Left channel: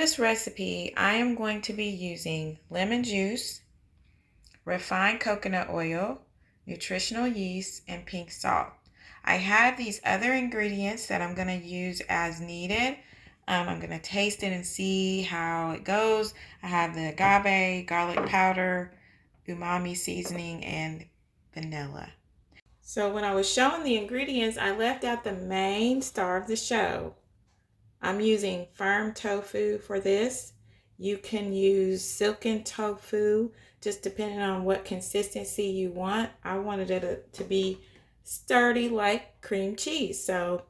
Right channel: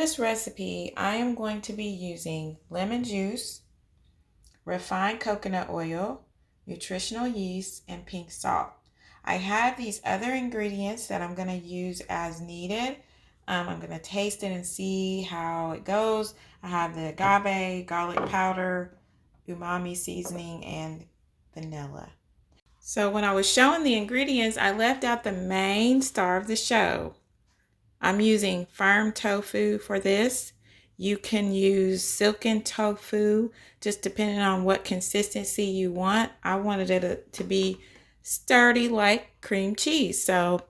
this recipe, I am going to be using lemon juice, refined coconut oil, nutritional yeast, and pink salt. I have these other ingredients that I'm going to use as needed. I'm going to taste it and see how it goes. I have the agave, garlic powder, umami seasoning, and vanilla. So when I was showing the ingredients, I left out the main star of the show. I'm using firm tofu for this. You can use silken tofu, just depending on what consistency you want. I wanted it to be sturdy like cream cheese. So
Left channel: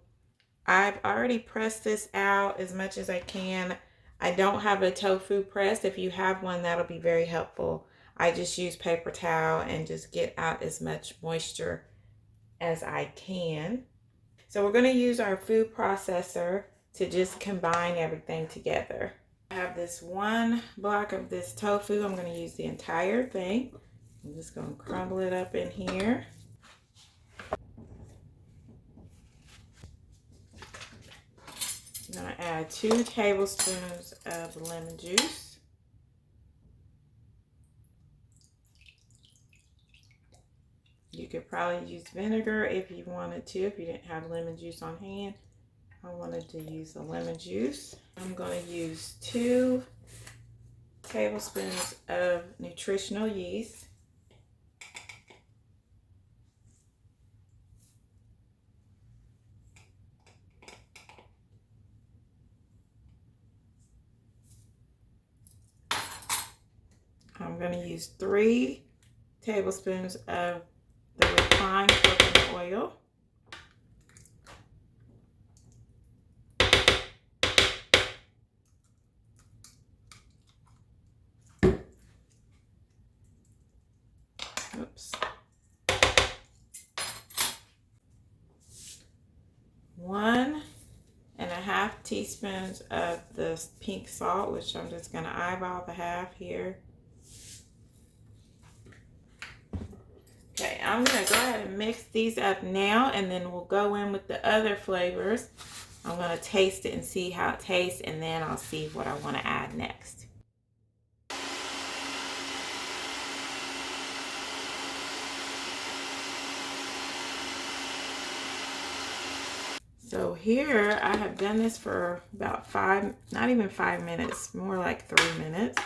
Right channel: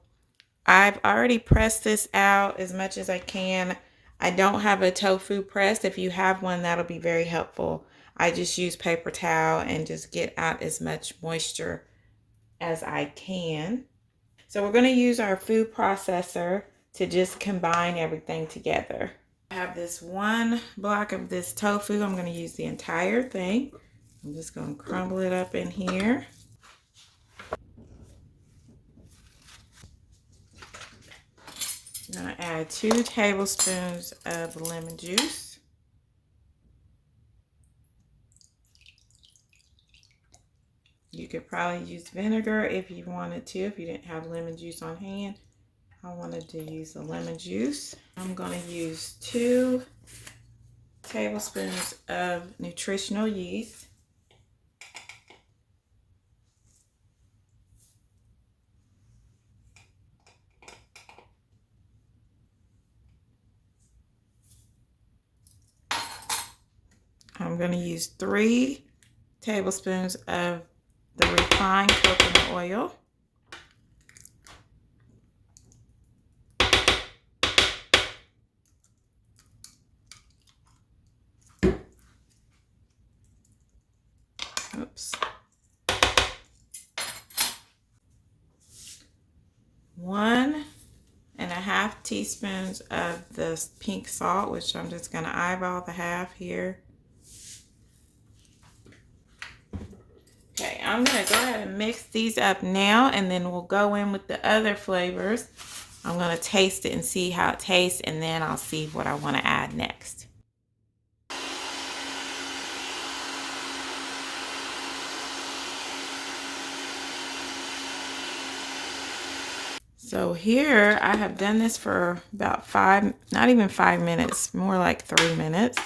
I've already pressed this out as much as I can. I don't have a tofu press. If you have one, that'll be very helpful. I just use paper towel and just get out as much moisture as I can. So we're going to use our food processor to just combine everything together. I have this one block of this tofu. I'm going to use the entire thing. I'm just going to crumble it up in here. I'm going to add 2 tablespoons of lemon juice. You could probably use vinegar if you wanted to, if you didn't have lemon juice on hand. I wanted to use the lemon juice. I'm going to use 2 tablespoons of nutritional yeast. I'm going to use 3 tablespoons of the refined coconut oil. Oops. 1.5 teaspoons of the pink salt, which I'm just going to eyeball the half here. Okay, I'm going to go ahead and mix these up now, and then we'll go in with the other flavors. I'm going to taste it and see how it tastes, and then I'll see what I want to add next. So here I have done this for about 5, not even 5 minutes, more like 3 minutes.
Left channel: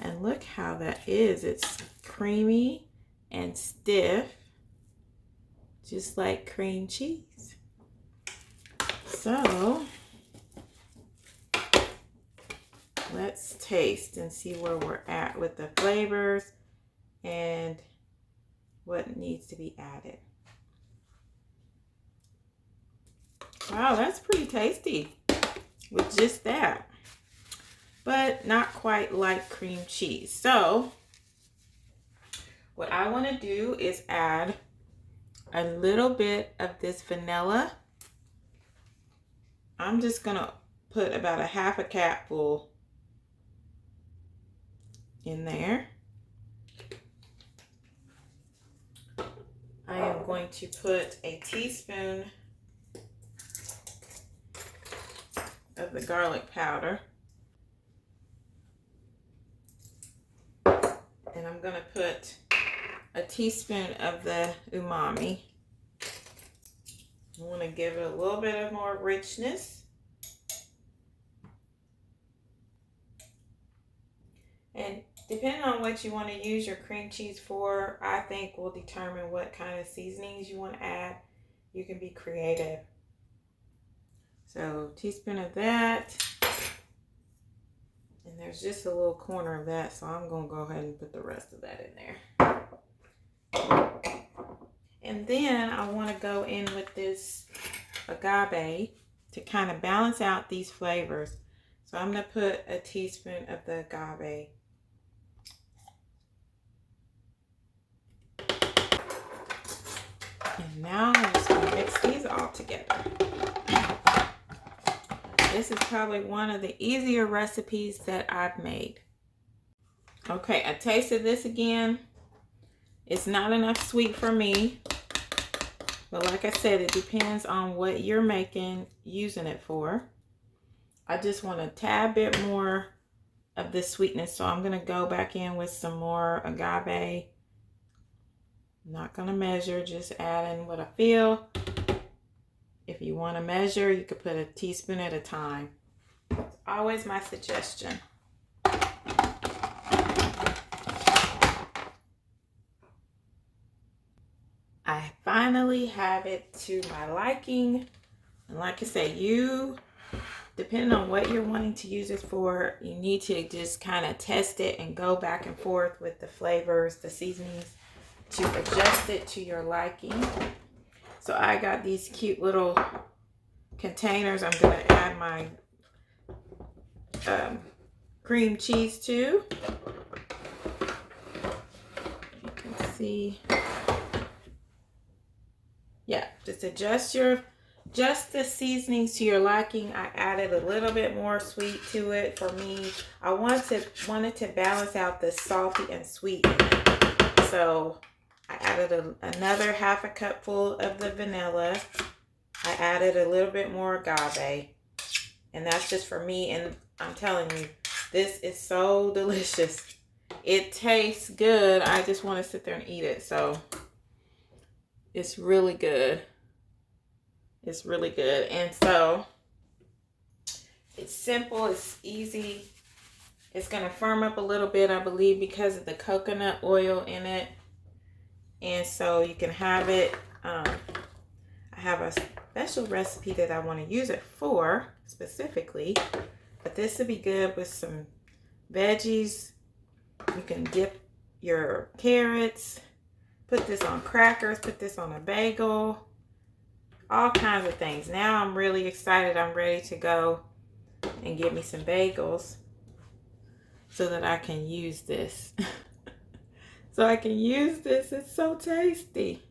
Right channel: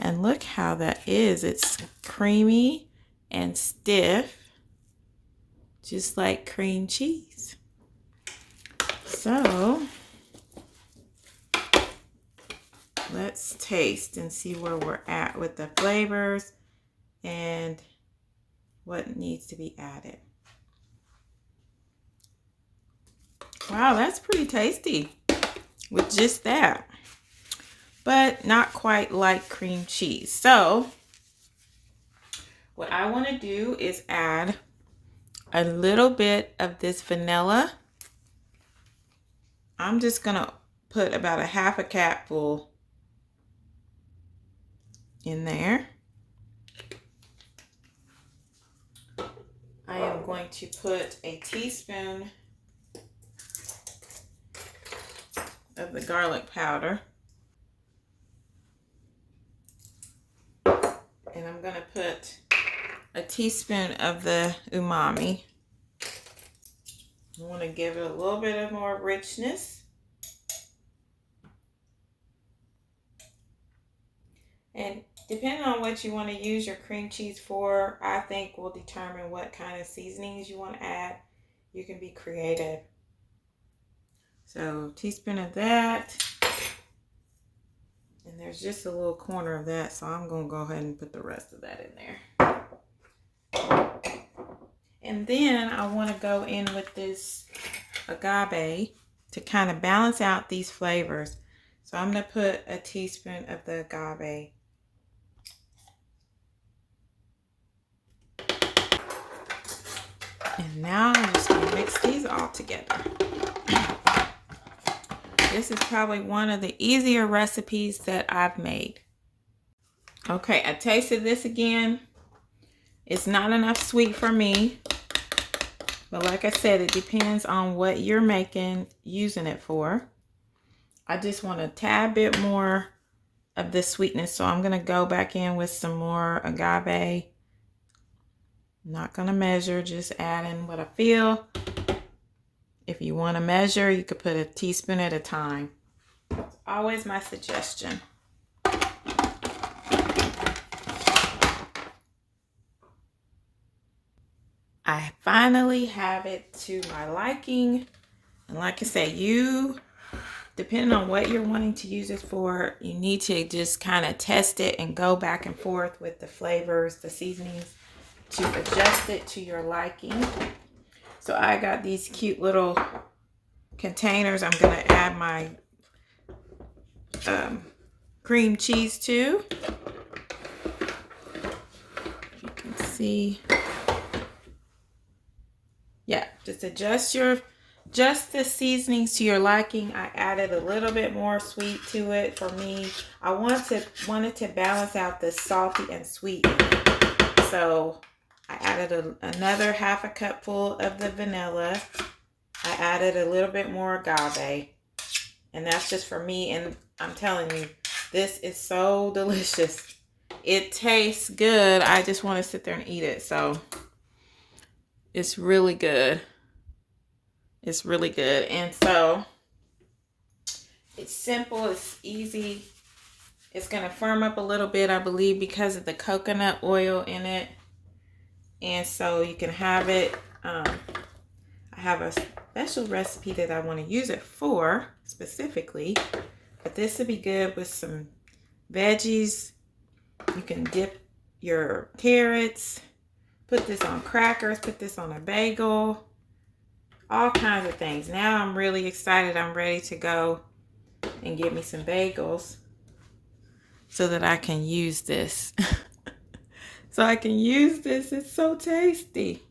And look how that is. It's creamy and stiff, just like cream cheese. So let's taste and see where we're at with the flavors and what needs to be added. Wow, that's pretty tasty with just that, but not quite like cream cheese. So what I want to do is add a little bit of this vanilla. I'm just going to put about a half a capful in there. I am going to put a teaspoon of the garlic powder. And I'm going to put a teaspoon of the umami. I want to give it a little bit of more richness. And depending on what you want to use your cream cheese for, I think will determine what kind of seasonings you want to add. You can be creative. So, a teaspoon of that. And there's just a little corner of that, so I'm going to go ahead and put the rest of that in there. And then I want to go in with this agave to kind of balance out these flavors. So I'm going to put a teaspoon of the agave. And now I'm just going to mix these all together. This is probably one of the easier recipes that I've made. Okay, I tasted this again. It's not enough sweet for me. But like I said, it depends on what you're using it for. I just want a tad bit more of the sweetness. So I'm going to go back in with some more agave. I'm not going to measure, just add in what I feel. If you want to measure, you could put a teaspoon at a time. It's always my suggestion. I finally have it to my liking. And like I say, depending on what you're wanting to use it for, you need to just kind of test it and go back and forth with the flavors, the seasonings, to adjust it to your liking. So I got these cute little containers I'm going to add my cream cheese to. If you can see. Yeah, just adjust the seasonings to your liking. I added a little bit more sweet to it for me. I wanted to balance out the salty and sweet. So I added another half a cupful of the vanilla. I added a little bit more agave. And that's just for me. And I'm telling you, this is so delicious. It tastes good. I just want to sit there and eat it. So it's really good. It's really good. And so it's simple. It's easy. It's going to firm up a little bit, I believe, because of the coconut oil in it. And so you can have it. I have a special recipe that I want to use it for specifically. But this would be good with some veggies. You can dip your carrots. Put this on crackers. Put this on a bagel. All kinds of things. Now I'm really excited. I'm ready to go and get me some bagels so that I can use this. It's so tasty.